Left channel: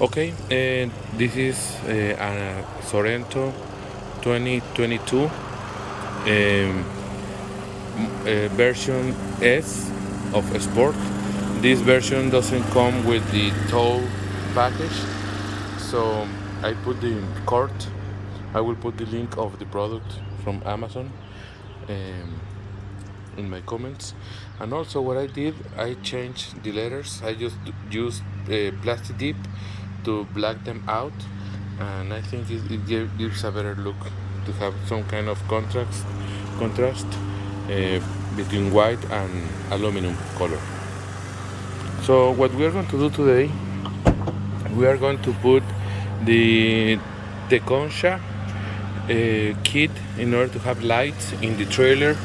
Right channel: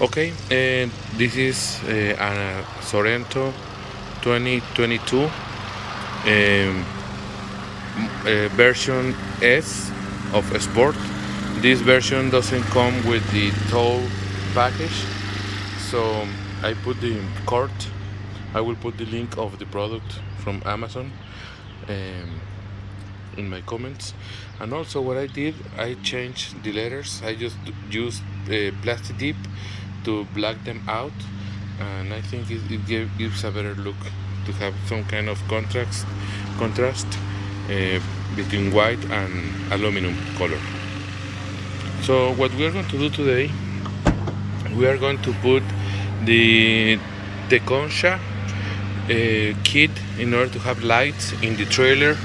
Okay, and this is a Sorento 2022 version S of Sport. This version doesn't come with the tow package, so I put the cart. I will put the link of the product from Amazon um, in my comments. And also, what I did, I changed the letters. I just used plastic dip to black them out, and I think gives a better look to have some kind of contrast uh, between white and aluminum color. So what we are going to do today, we are going to put the concha kit in order to have lights in the trailer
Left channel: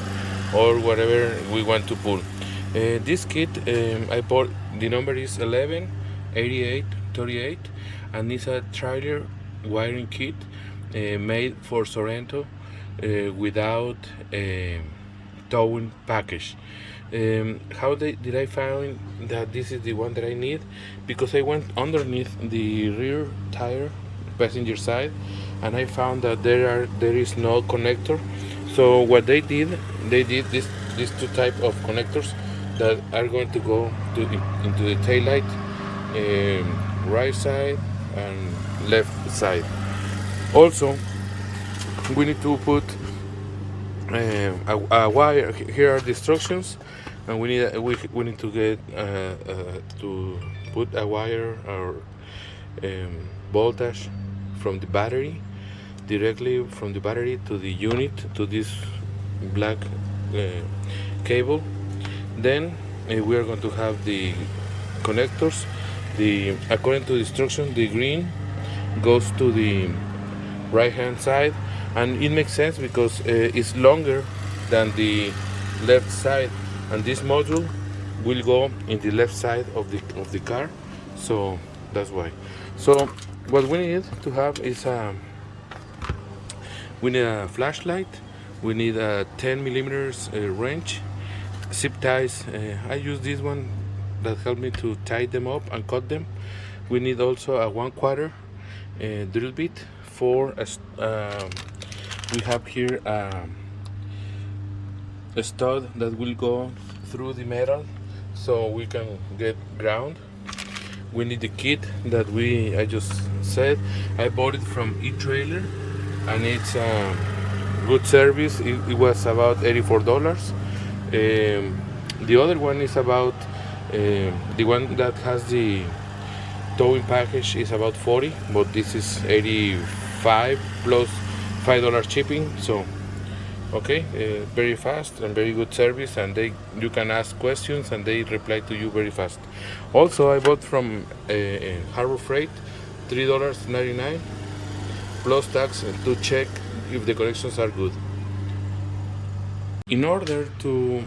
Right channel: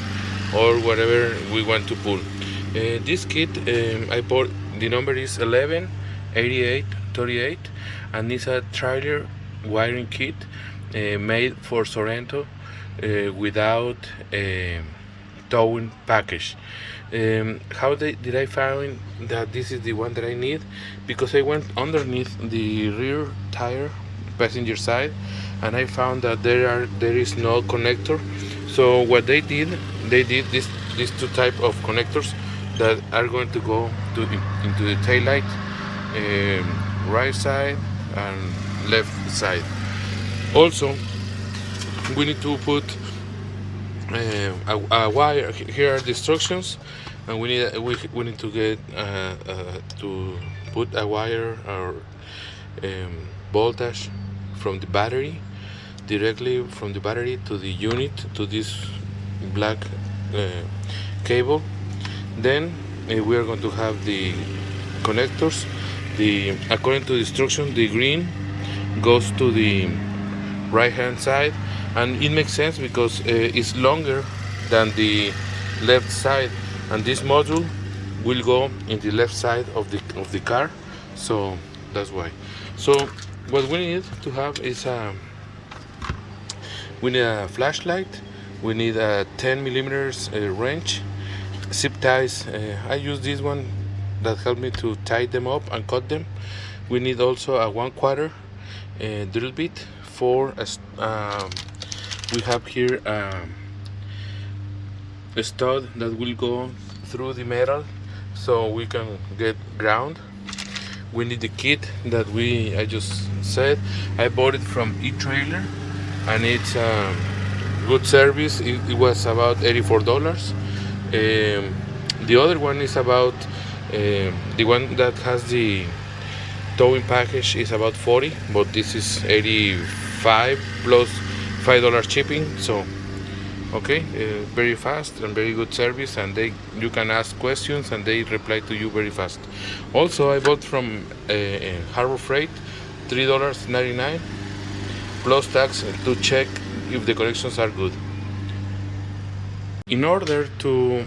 or whatever we want to pull. This kit, I bought, the number is 118838, and it's a trailer wiring kit made for Sorento without towing package. Did I find that this is the one that I need? Because I went underneath the rear tire passenger side, and I found that there is no connector. So what they did these two type of connectors that are going to go into the taillight, right side and left side. Also, we need to put a wire. Here are the instructions, and we need to get to put a wire or voltage from the battery, directly from the battery to the unit, to this black uh, cable. Then we are going to have the connectors. The According to the instruction, the green goes to the right hand side, and it makes sense because it's longer than the left side, and this module will go in the left side of the car, so that's why. So what we need to have is we need a flashlight, we need a 10 millimeters wrench, zip ties. I use this one that helped me to tie them up and cut them. We need also a 1/4 drill bit for we have here a stud that will go through the metal so we can get ground. We need the kit that I just said. I bought it from etrailer, and it's good service. It was about $84. The other one is about the one that has the towing package is about 40, but this is 85 plus $5 shipping. So okay, very fast and very good service, and you can ask questions and they reply to you very fast. Also, I bought from Harbor Freight, $3.99 plus tax to check if the connections are good. In order to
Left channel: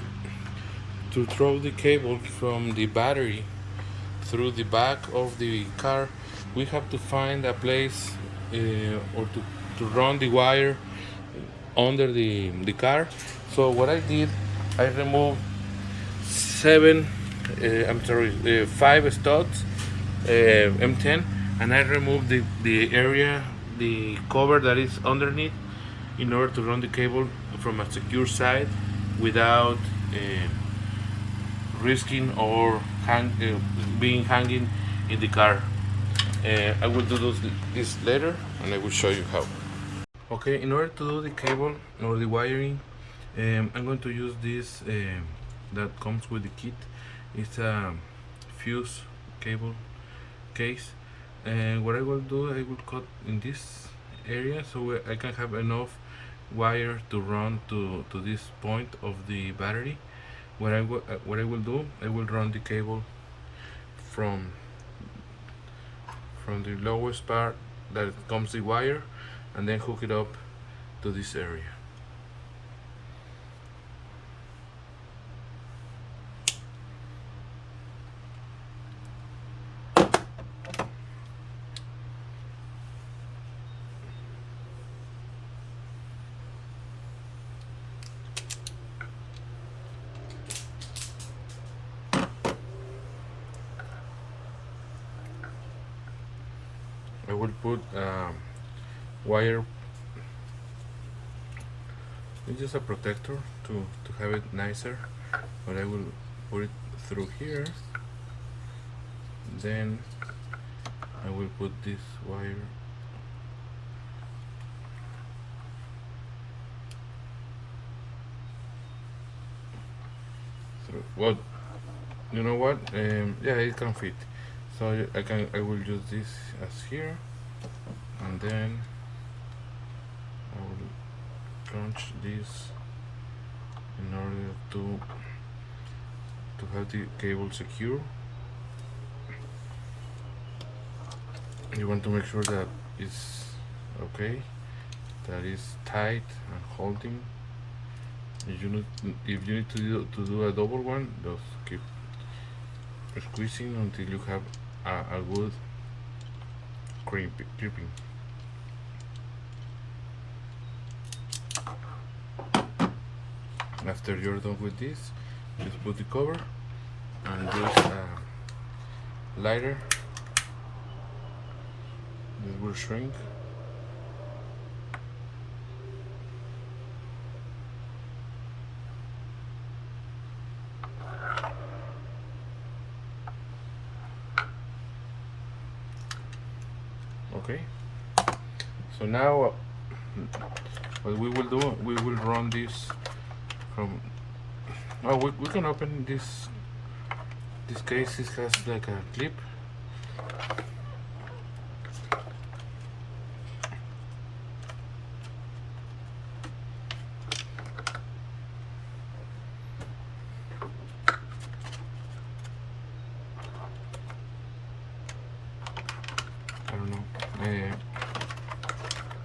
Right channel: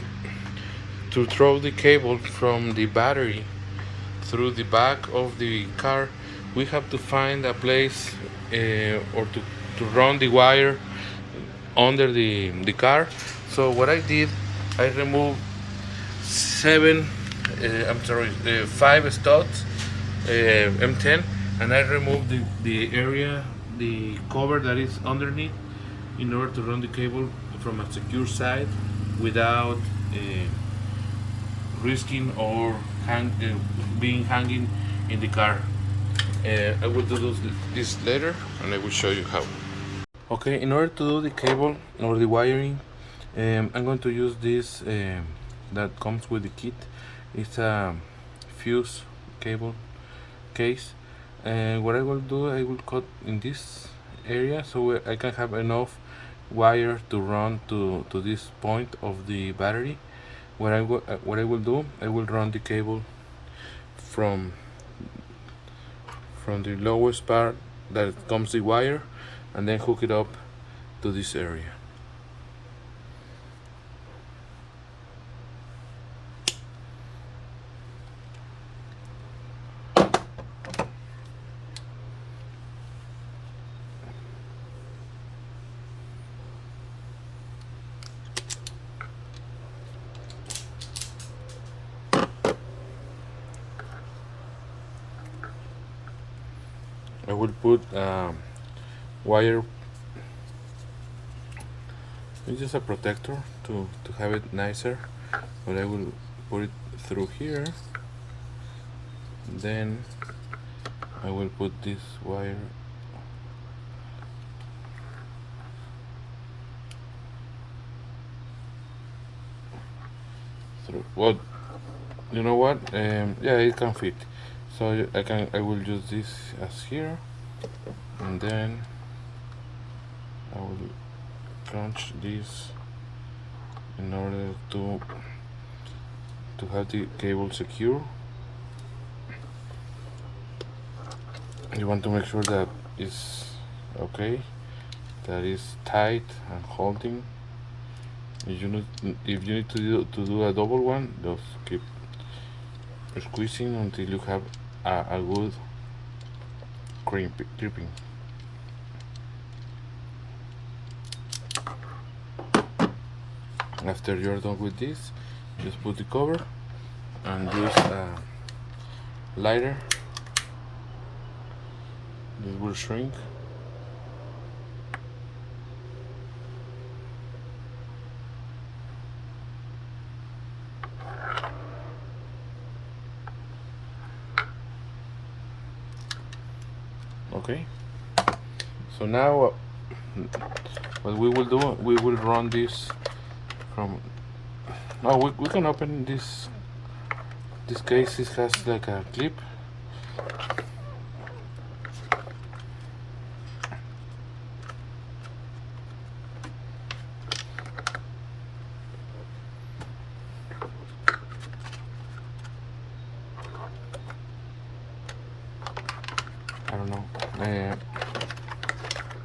throw the cable from the battery through the back of the car, we have to find a place or to run the wire under the car. So what I did, I removed five studs, M10, and I removed the area, the cover that is underneath, in order to run the cable from a secure side without risking or being hanging in the car. I will do this later, and I will show you how. Okay, in order to do the cable or the wiring, I'm going to use this that comes with the kit. It's a fuse cable case, and what I will do, I will cut in this area so I can have enough wire to run to this point of the battery. What I will do, I will run the cable from the lowest part that comes the wire, and then hook it up to this area. I will put wire. It's just a protector to have it nicer, but I will put it through here. Then I will put this wire through. Well, you know what? Yeah, it can fit. So I will use this as here, and then I will crunch this in order to have the cable secure. You want to make sure that it's okay, that is tight and holding. If you need to do a double one, just keep squeezing until you have a good gripping. After you're done with this, just put the cover and this lighter. This will shrink. Okay, so now what we will do, we will run this from, we can open this case. It has like a clip. I don't know,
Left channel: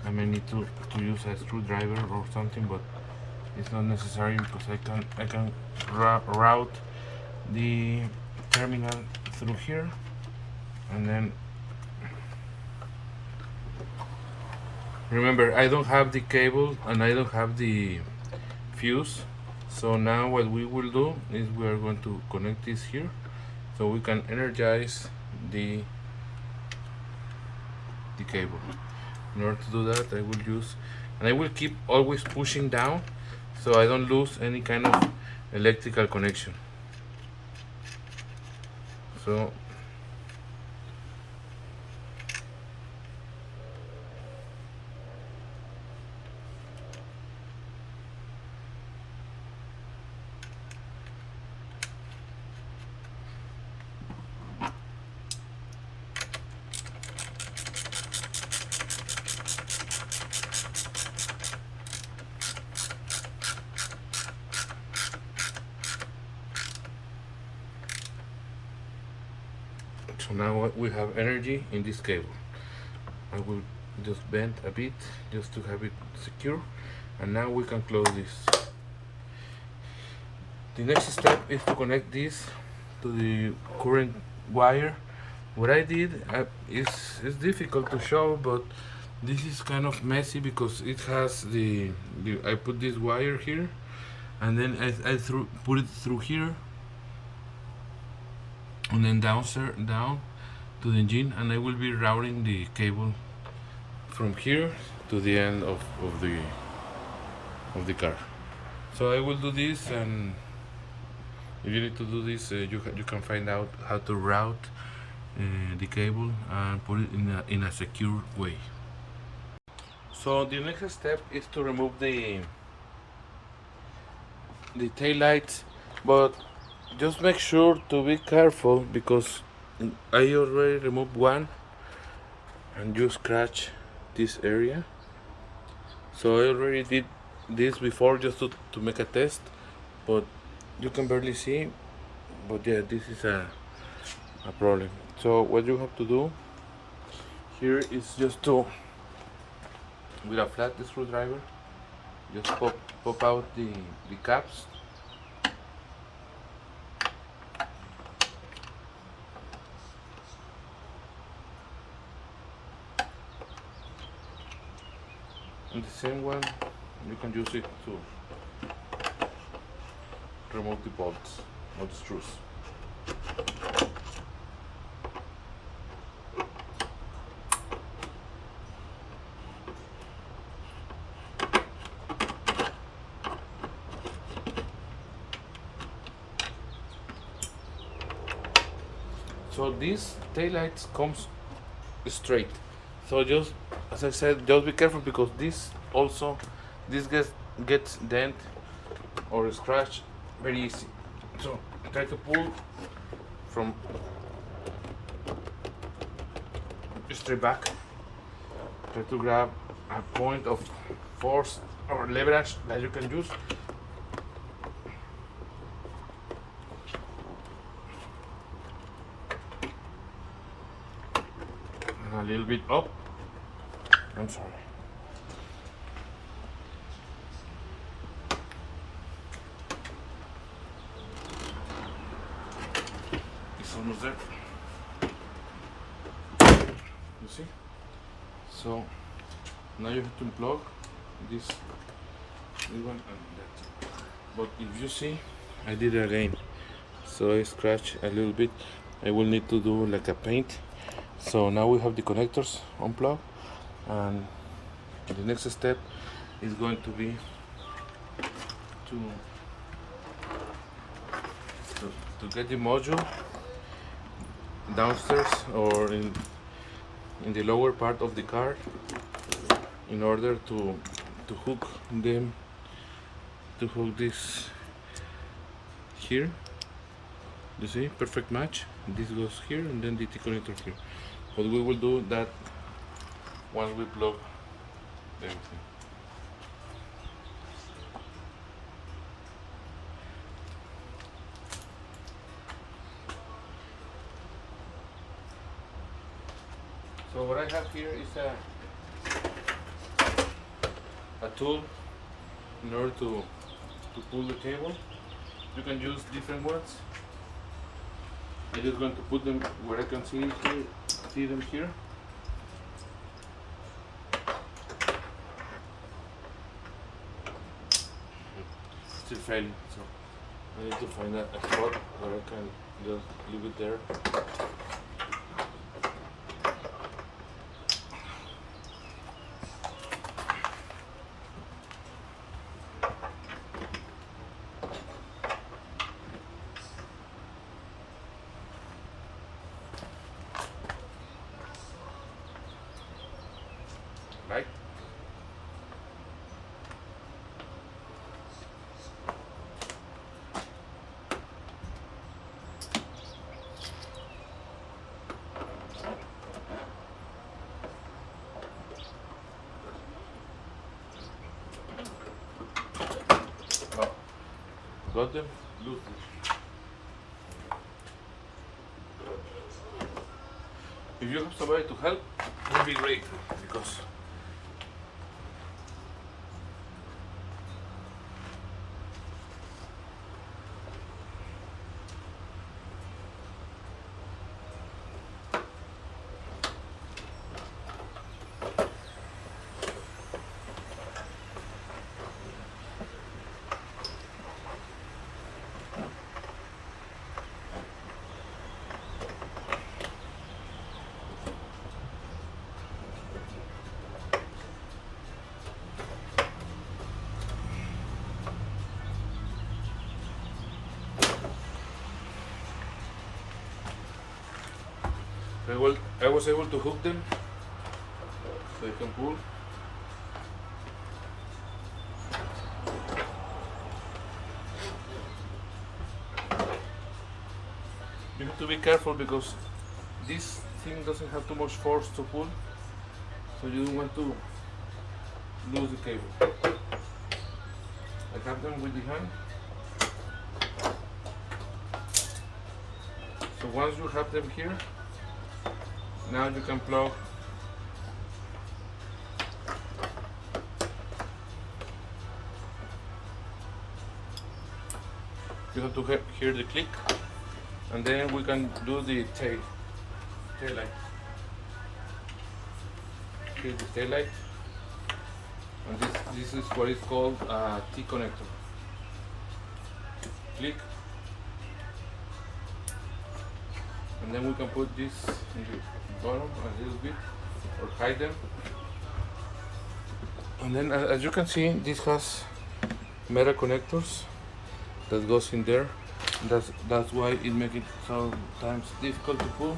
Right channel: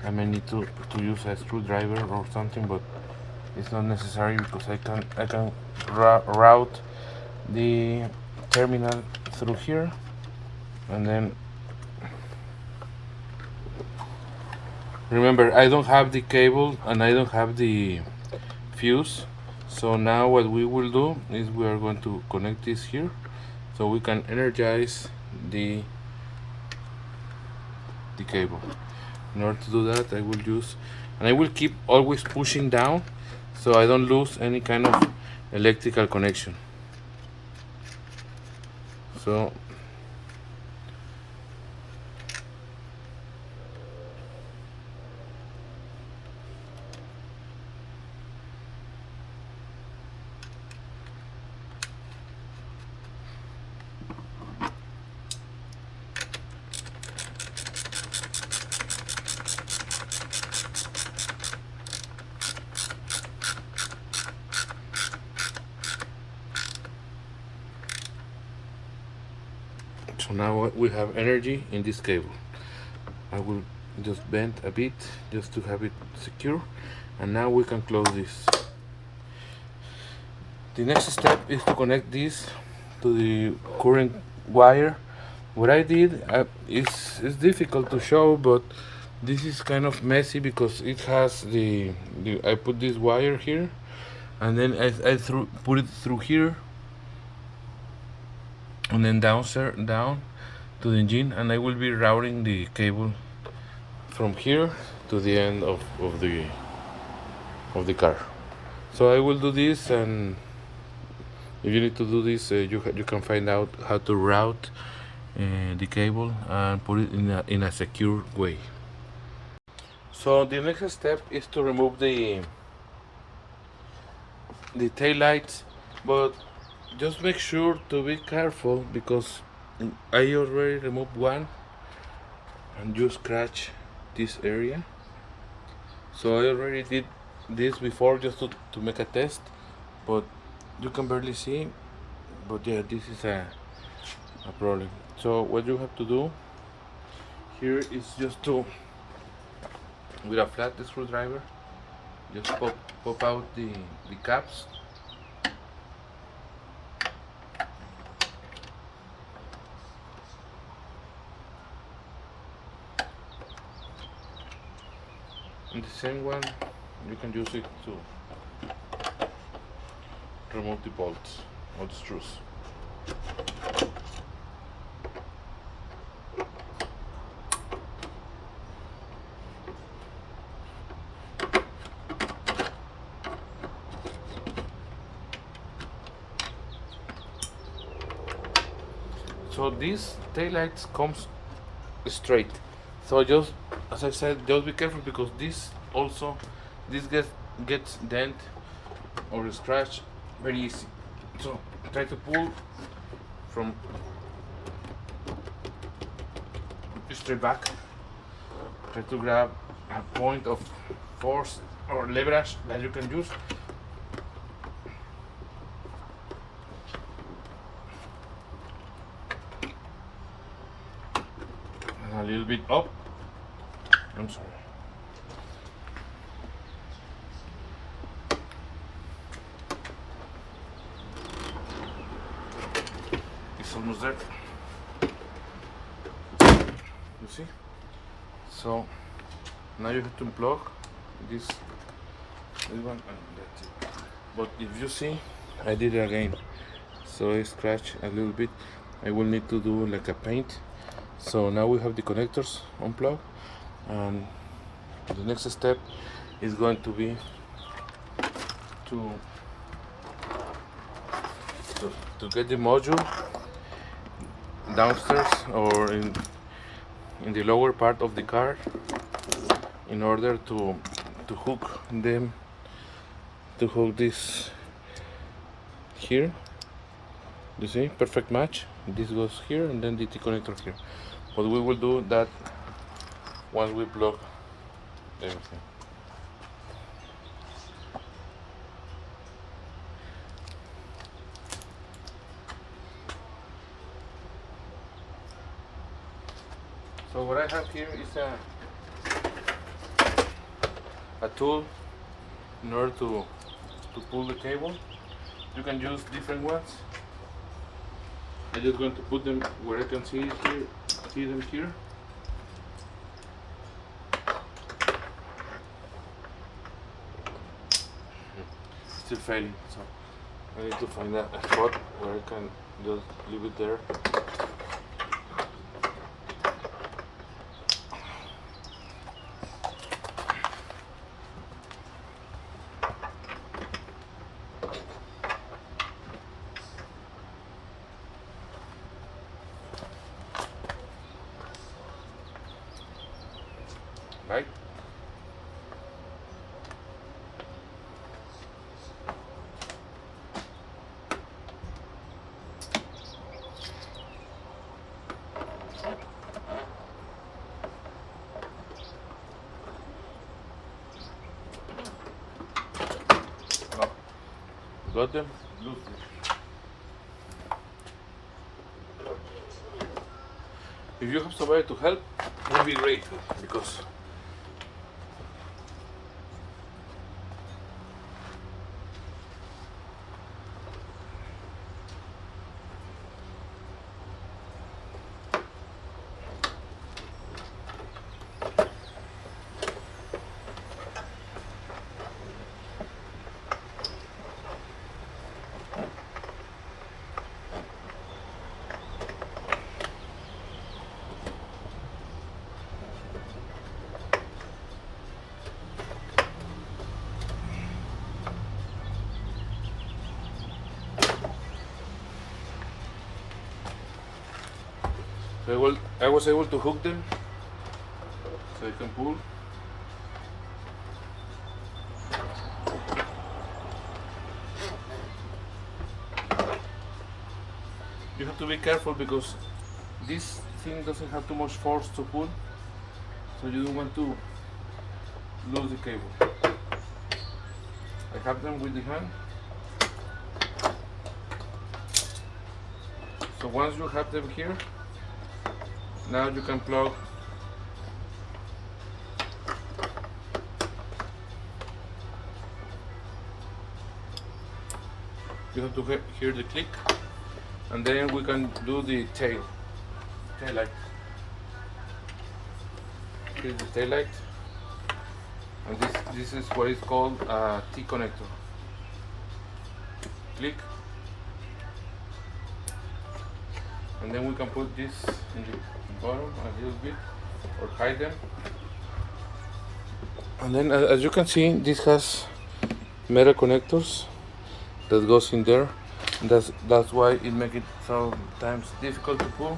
I may need to use a screwdriver or something, but it's not necessary because I can route the terminal through here, and then remember, I don't have the cable and I don't have the fuse. So now what we will do is we are going to connect this here so we can energize the cable. In order to do that, I will use, and I will keep always pushing down so I don't lose any kind of electrical connection. So now we have energy in this cable. I will just bend a bit just to have it secure, and now we can close this. The next step is to connect this to the current wire. What I did is difficult to show, but this is kind of messy because it has I put this wire here, and then I put it through here, and then down to the engine, and I will be routing the cable from here to the end of the car. So I will do this, and if you need to do this, you can find out how to route the cable and put it in a secure way. So the next step is to remove the tail lights, but just make sure to be careful because I already removed one and you scratch this area. So I already did this before just to make a test, but you can barely see. But yeah, this is a problem. So what you have to do here is just to, with a flat screwdriver, just pop out the caps. And the same one, you can use it to remove the bolts or the screws. So this taillights comes straight. So just as I said, just be careful because this gets dent or scratch very easy. So try to pull from straight back. Try to grab a point of force or leverage that you can use. And a little bit up. I'm sorry. It's almost there. You see? So now you have to unplug this one and that's it. But if you see, I did it again. So I scratched a little bit. I will need to do like a paint. So now we have the connectors unplugged, and the next step is going to be to get the module downstairs or in the lower part of the car in order to hook them, to hook this here. You see, perfect match. This goes here and then the T connector here. But we will do that once we plug everything. So what I have here is a tool in order to pull the cable. You can use different ones. I'm just going to put them where I can see them here. Still failing, so I need to find a spot where I can just leave it there. Right? Oh, got them loose. If you have somebody to help, it would be great because I was able to hook them so I can pull. You have to be careful because this thing doesn't have too much force to pull, so you don't want to lose the cable. I have them with the hand. So once you have them here, now you can plug you have to hear the click, and then we can do the tail light. Here's the tail light, and this is what is called a T connector. Click, and then we can put this in the bottom a little bit or hide them. And then as you can see, this has metal connectors that goes in there. That's why it makes it sometimes difficult to pull.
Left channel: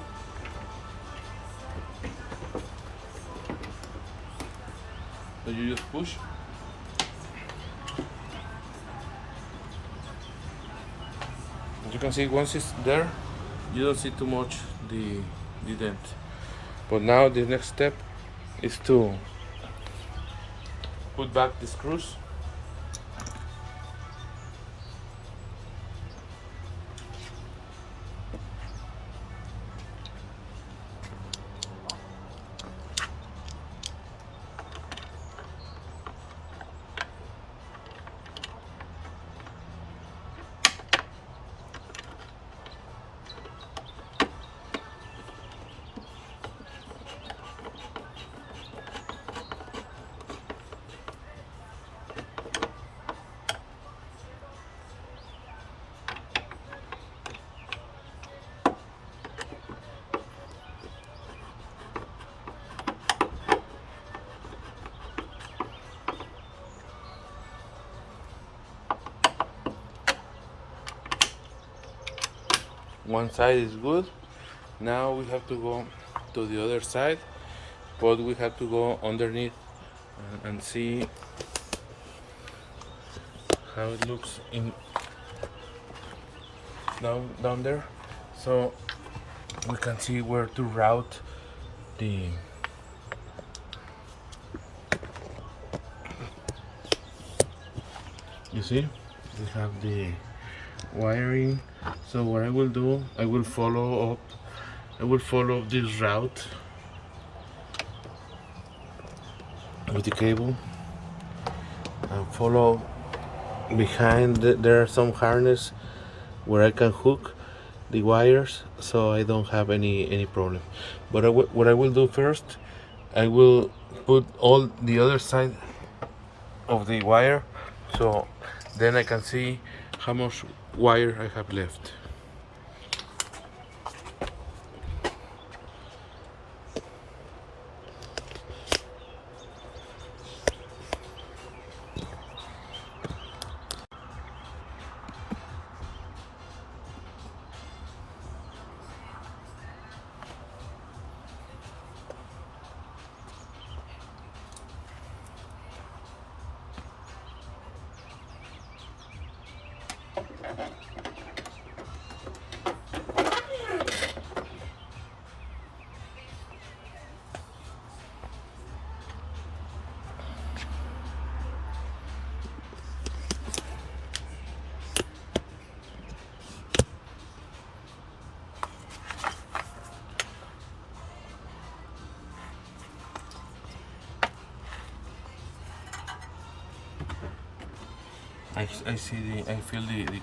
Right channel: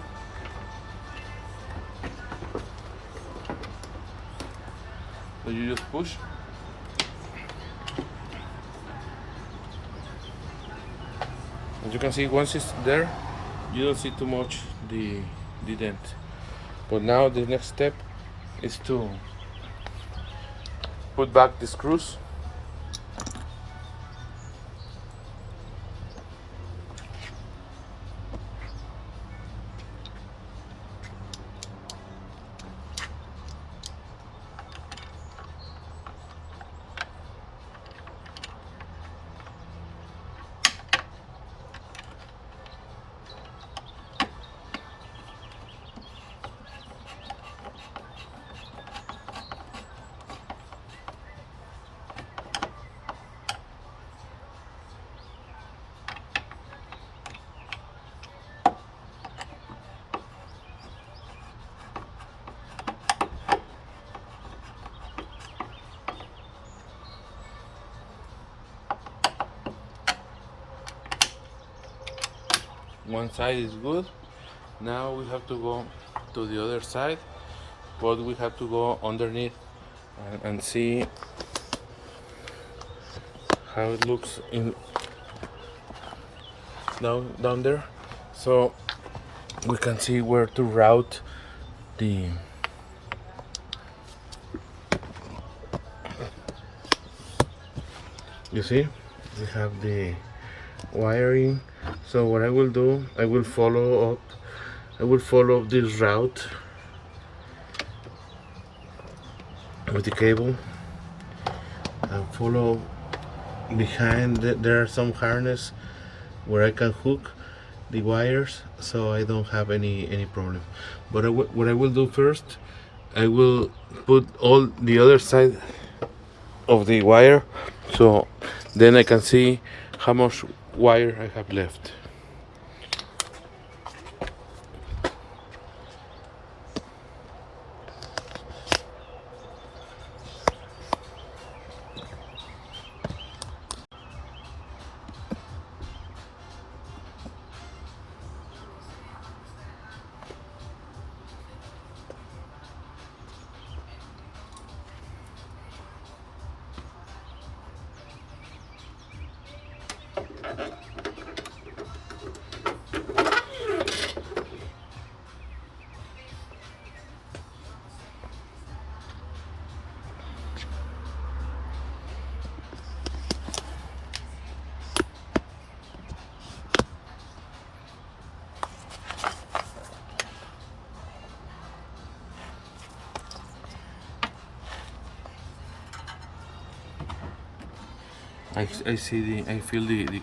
So you just push. As you can see, once it's there, you don't see too much the dent. But now the next step is to put back the screws. One side is good. Now we have to go to the other side, but we have to go underneath and see how it looks down there, so we can see where to route the you see we have the wiring. So what I will do, I will follow up this route with the cable and follow behind. There are some harness where I can hook the wires, so I don't have any problem. But what I will do first, I will put all the other side of the wire, so then I can see how much wire I have left. I feel the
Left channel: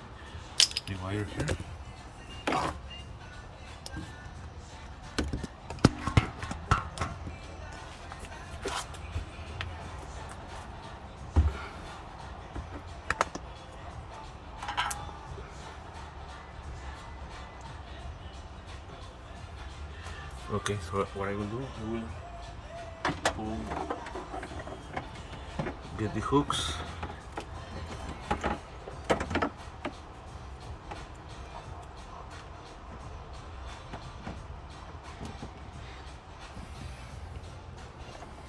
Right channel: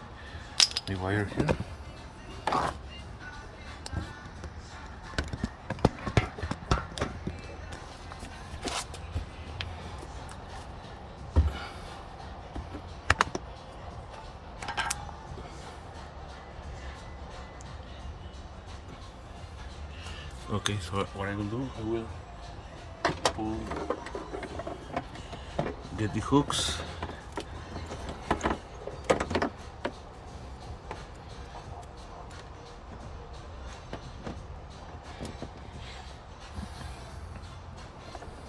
wire here. Okay, so what I will do, I will get the hooks.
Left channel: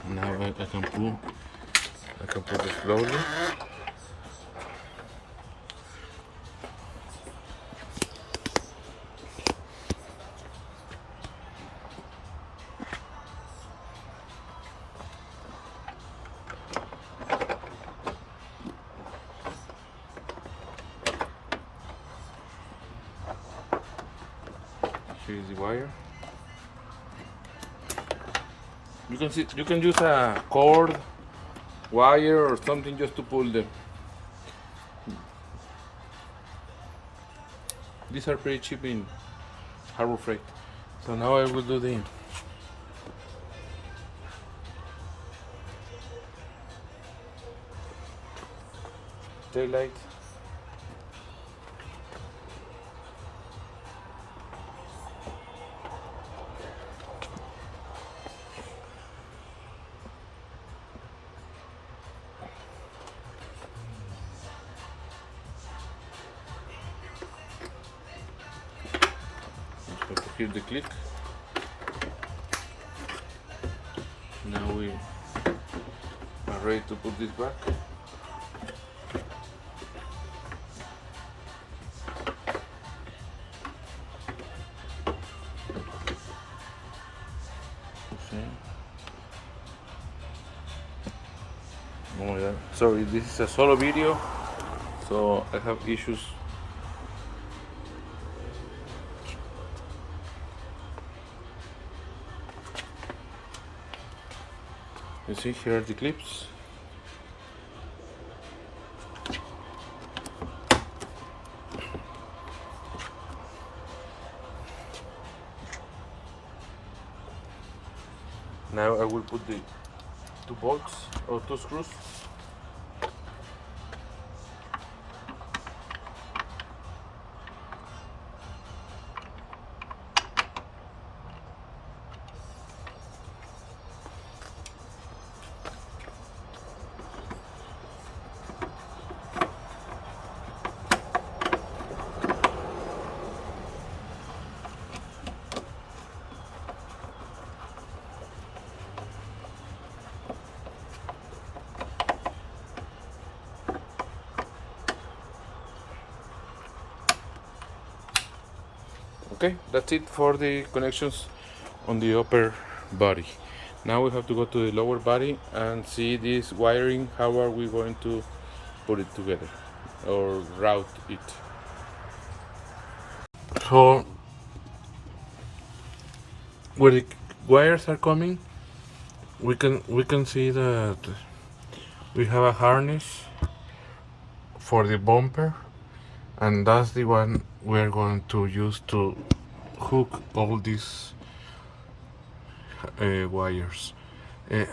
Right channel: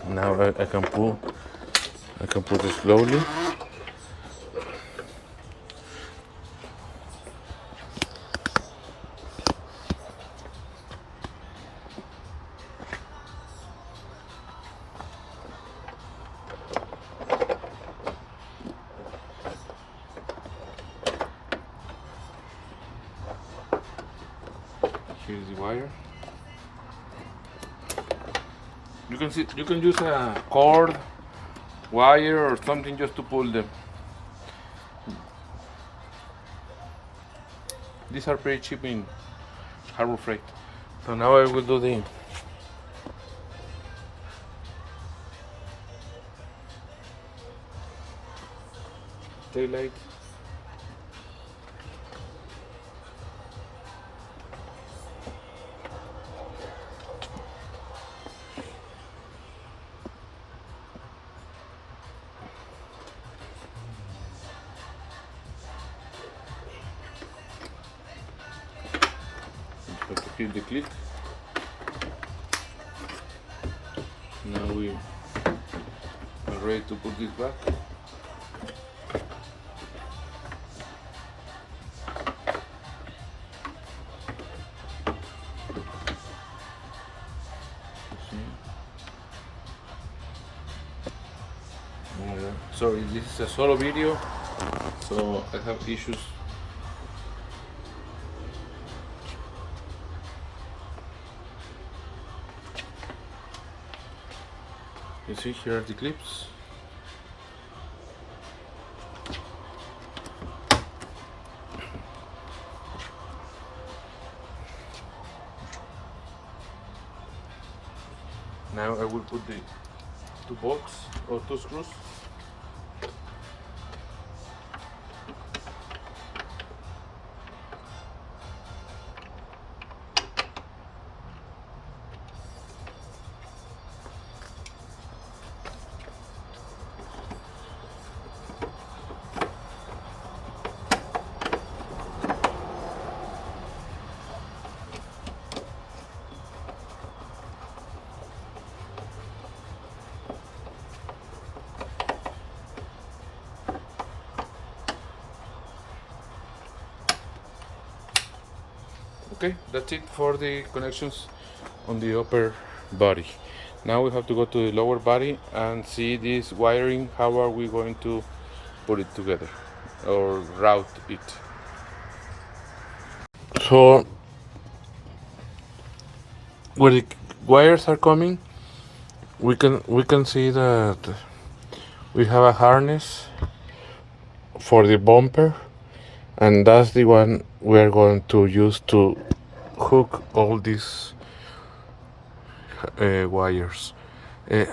Now I can pull it slowly. Here is the wire. You can use a cord, wire, or something just to pull them. These are pretty cheap in Harbor Freight. So now I will do the taillight. hear the click. Now we are ready to put this back. Oh my god, sorry, this is a solo video, so I have issues. You see, here are the clips. Now I will put the 2 bolts or 2 screws. Okay, that's it for the connections on the upper body. Now we have to go to the lower body and see this wiring. How are we going to put it together or route it? So where the wires are coming, we can see that we have a harness for the bumper, and that's the one we're going to use to hook all these wires.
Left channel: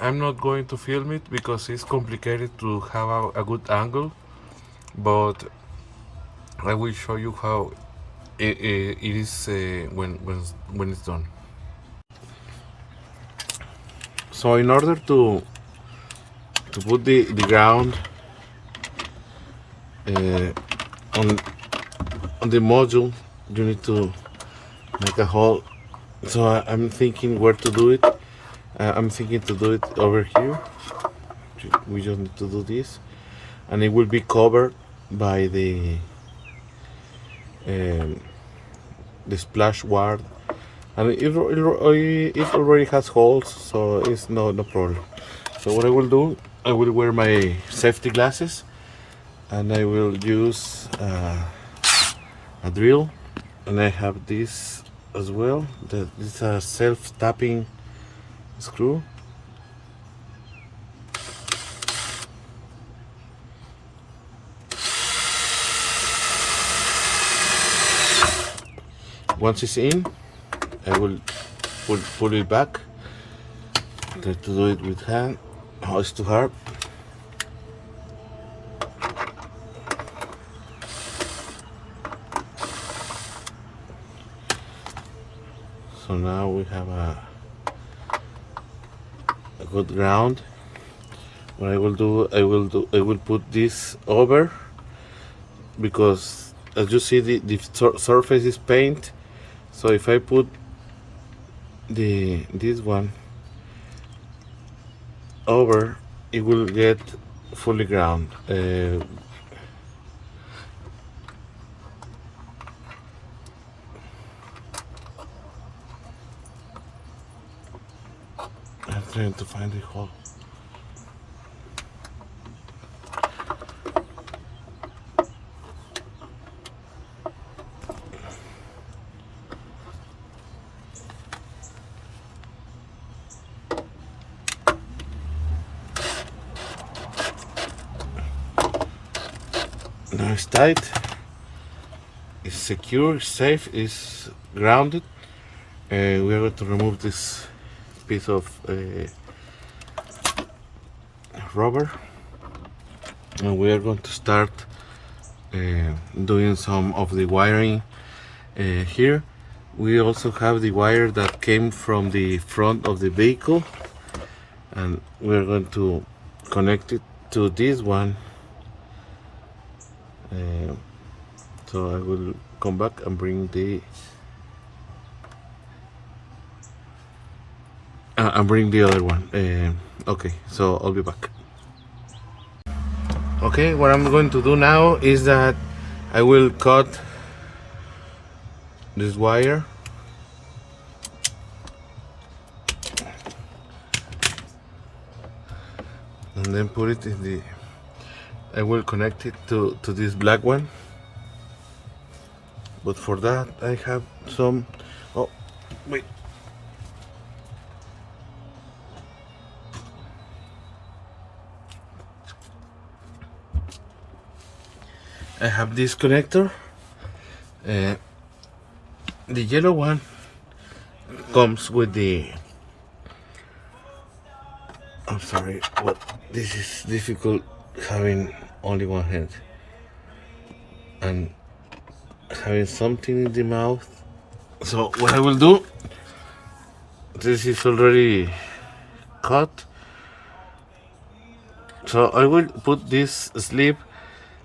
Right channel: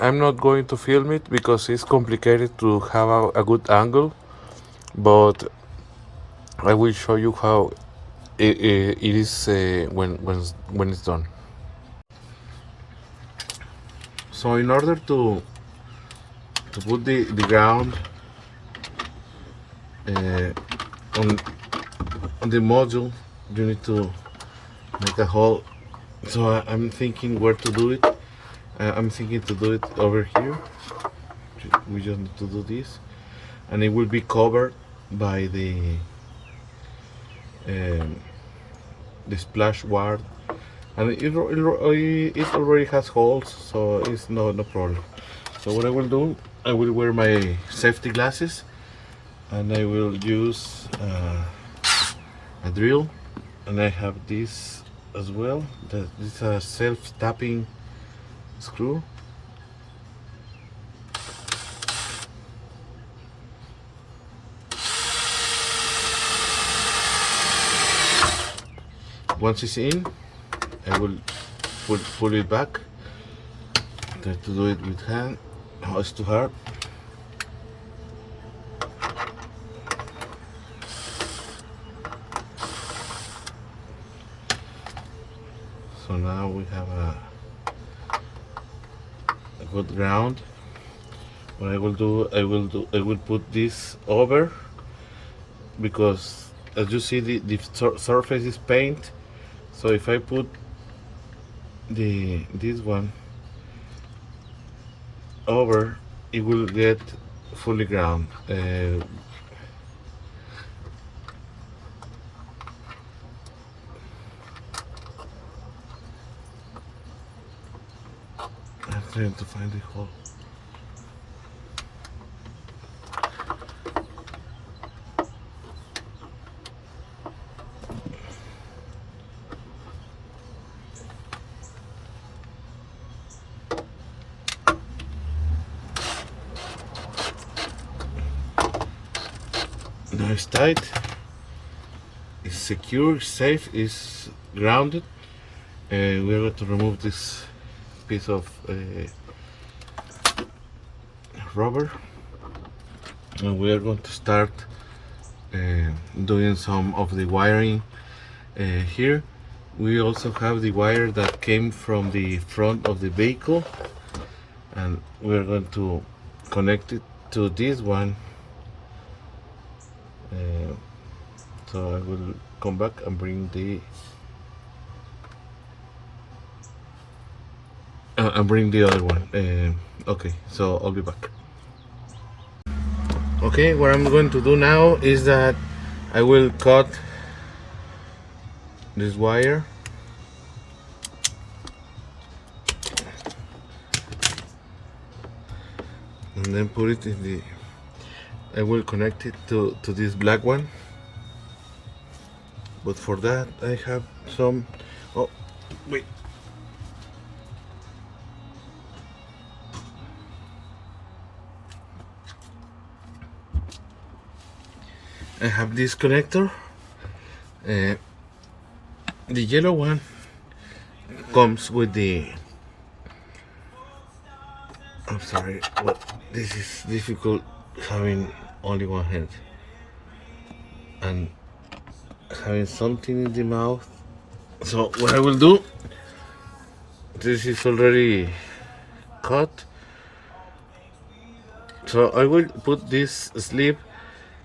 I'm not going to film it because it's complicated to have a good angle, but I will show you how it is when it's done. So in order to put the ground on the module, you need to make a hole. So I'm thinking where to do it. I'm thinking to do it over here. We just need to do this, and it will be covered by the splash guard, and it already has holes, so it's no problem. So what I will do, I will wear my safety glasses, and I will use a drill, and I have this as well. This is a self-tapping screw. Once it's in, I will pull it back. Try to do it with hand. Oh, it's too hard. So now we have a good ground. What I will do, I will put this over, because as you see the surface is paint. So if I put this one over, it will get fully ground. I'm trying to find the hole. Now it's tight, it's secure, safe, it's grounded. We are going to remove this piece of rubber, and we are going to start doing some of the wiring here. We also have the wire that came from the front of the vehicle, and we are going to connect it to this one. So I will come back and bring the and bring the other one. Okay, so I'll be back. Okay, what I'm going to do now is that I will cut this wire and then put it in the, I will connect it to this black one, but for that I have some, oh wait, I have this connector. The yellow one comes with the, I'm sorry, but this is difficult having only one hand and having something in the mouth. So what I will do, this is already cut, so I will put this sleeve.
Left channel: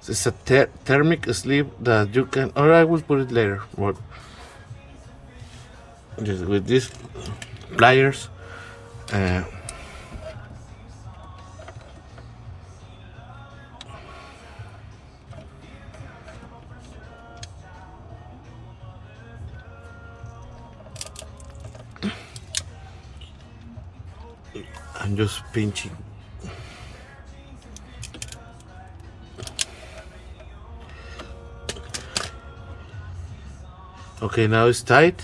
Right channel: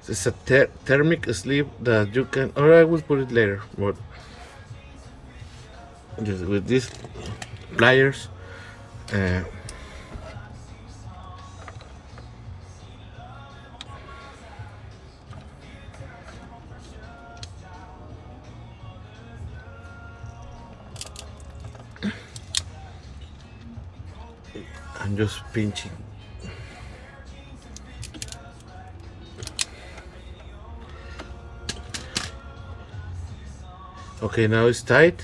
It's a thermic sleeve that you can, or I will put it later, but just with these pliers, I'm just pinching. Okay, now it's tight.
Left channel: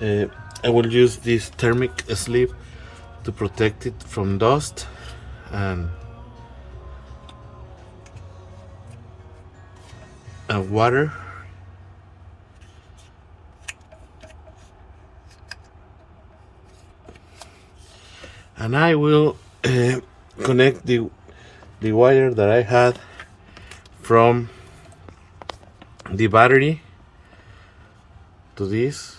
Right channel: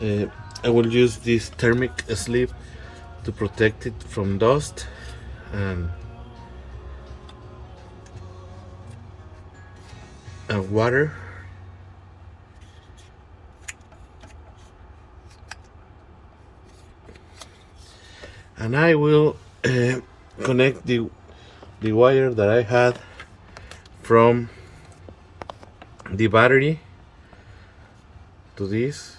I will use this thermic sleeve to protect it from dust and water. And I will connect the wire that I had from the battery to this.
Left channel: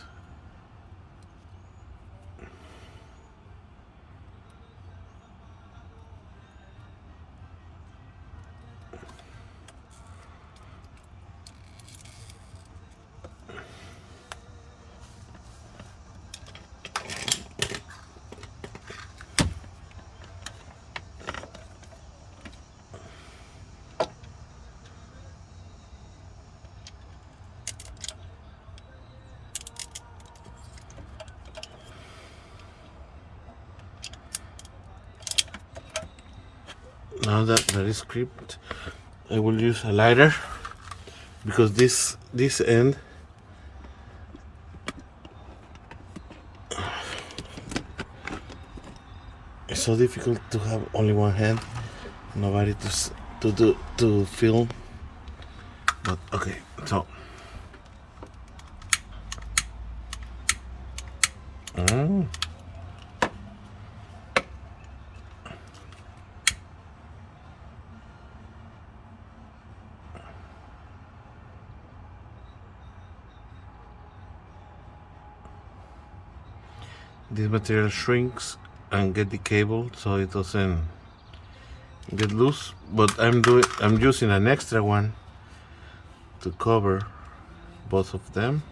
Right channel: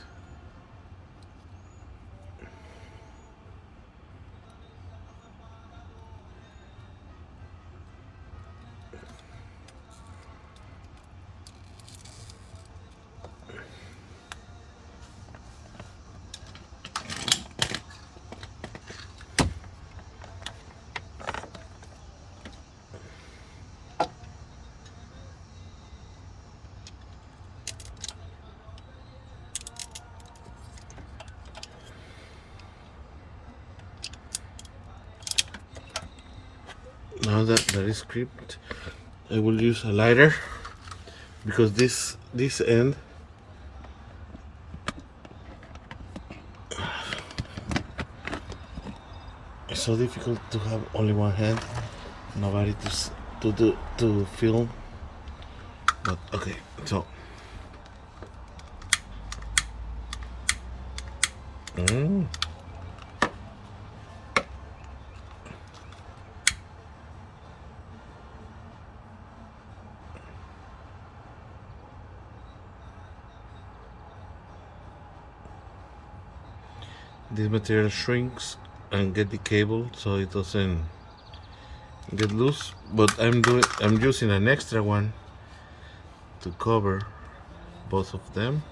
Now that is crimped, I will use a lighter because this end is so difficult to have only one hand. Nobody to film. But okay, so this material shrinks and get the cable so it doesn't get loose, but I'm using an extra one to cover both of them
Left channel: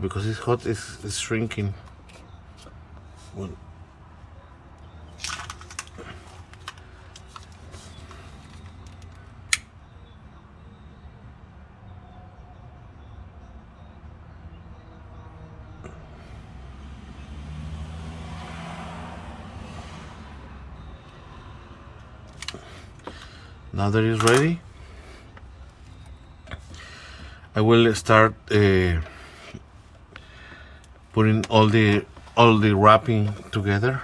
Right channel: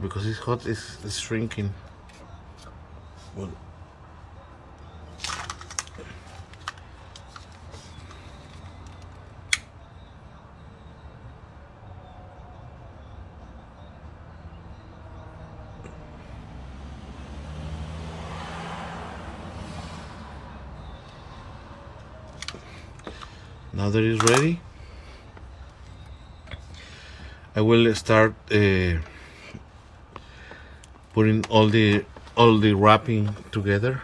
because it's hot, it's shrinking. Well, now that it's ready, I will start putting all the wrapping together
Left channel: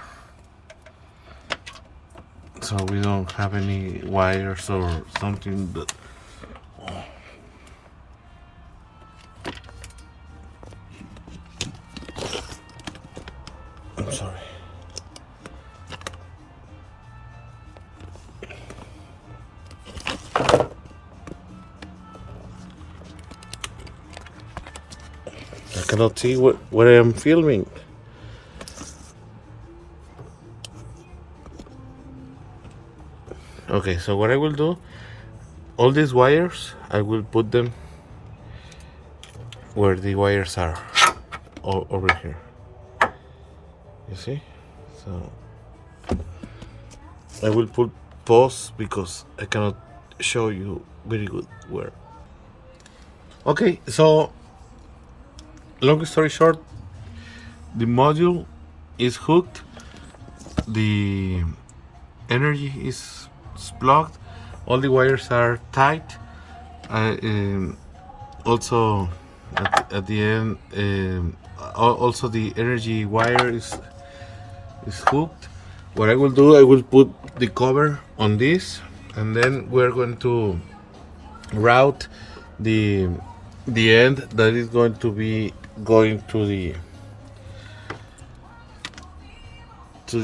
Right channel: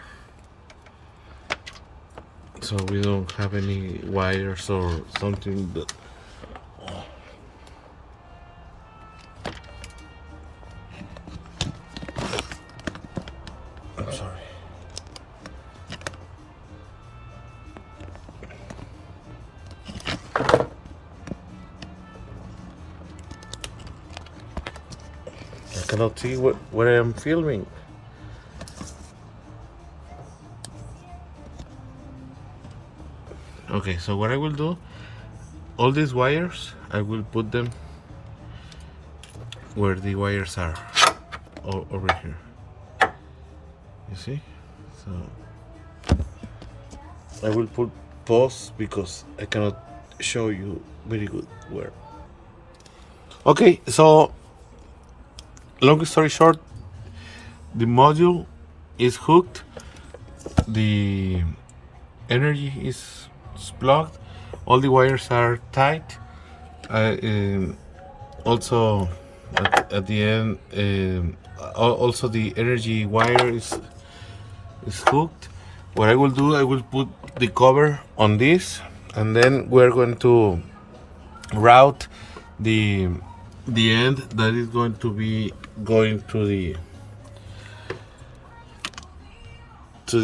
so we don't have any wires or something that I'm sorry. I cannot see what I am filming. Okay, so what I will do, all these wires, I will put them where the wires are, over here. You see? So I will put pause because I cannot show you very good where. Okay, so long story short, the module is hooked, the energy is plugged, all the wires are tight. Also at the end, also the energy wire is hooked. What I will do, I will put the cover on this, and then we're going to route the end that is going to be going to the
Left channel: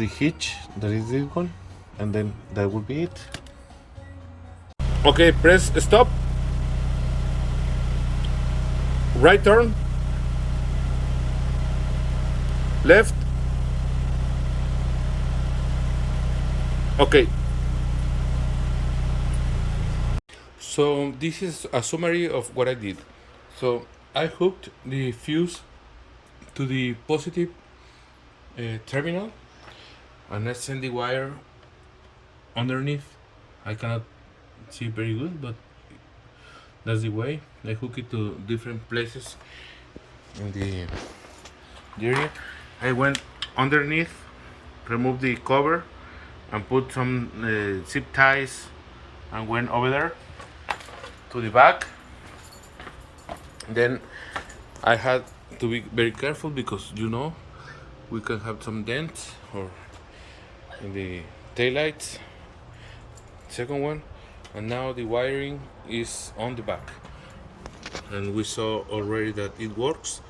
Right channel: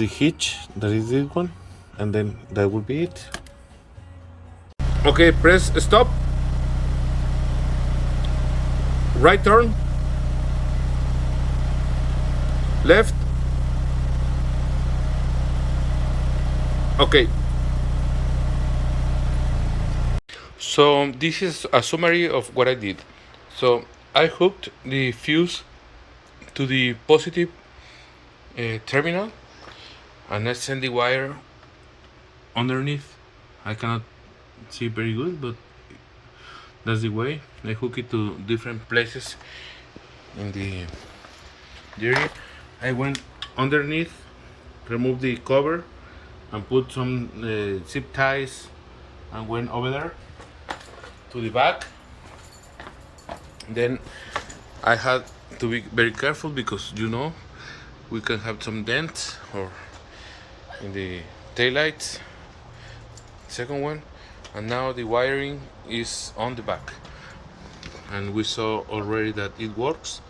hitch, that is this one, and then that will be it. Okay, press stop, right turn, left. Okay, so this is a summary of what I did. So I hooked the fuse to the positive terminal, and I send the wire underneath. I cannot see very good, but that's the way. I hook it to different places in the area. I went underneath, removed the cover, and put some zip ties, and went over there to the back. Then I had to be very careful because we can have some dents or in the taillights, second one, and now the wiring is on the back, and we saw already that it works.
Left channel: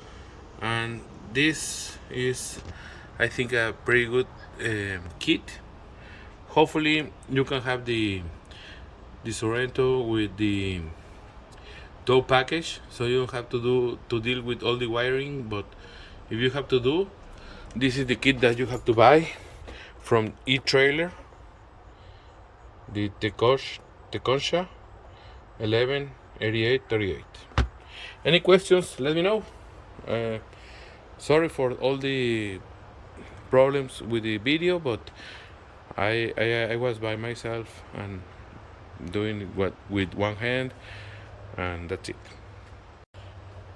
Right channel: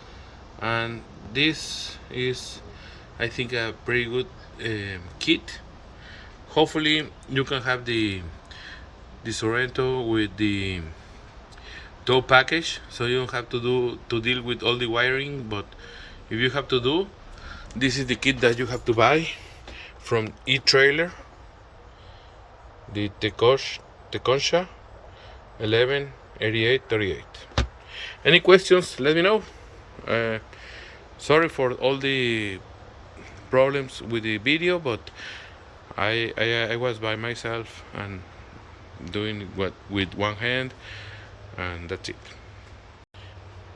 And this is, I think, a pretty good kit. Hopefully you can have the Sorento with the tow package, so you don't have to deal with all the wiring. But if you have to do, this is the kit that you have to buy from etrailer, the Teconsha 118838. Any questions, let me know. Sorry for all the problems with the video, but I was by myself and doing what with one hand, and that's it.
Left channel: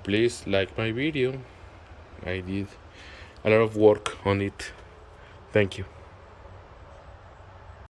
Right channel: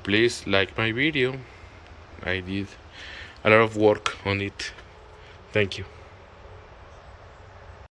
Please like my video. I did a lot of work on it. Thank you.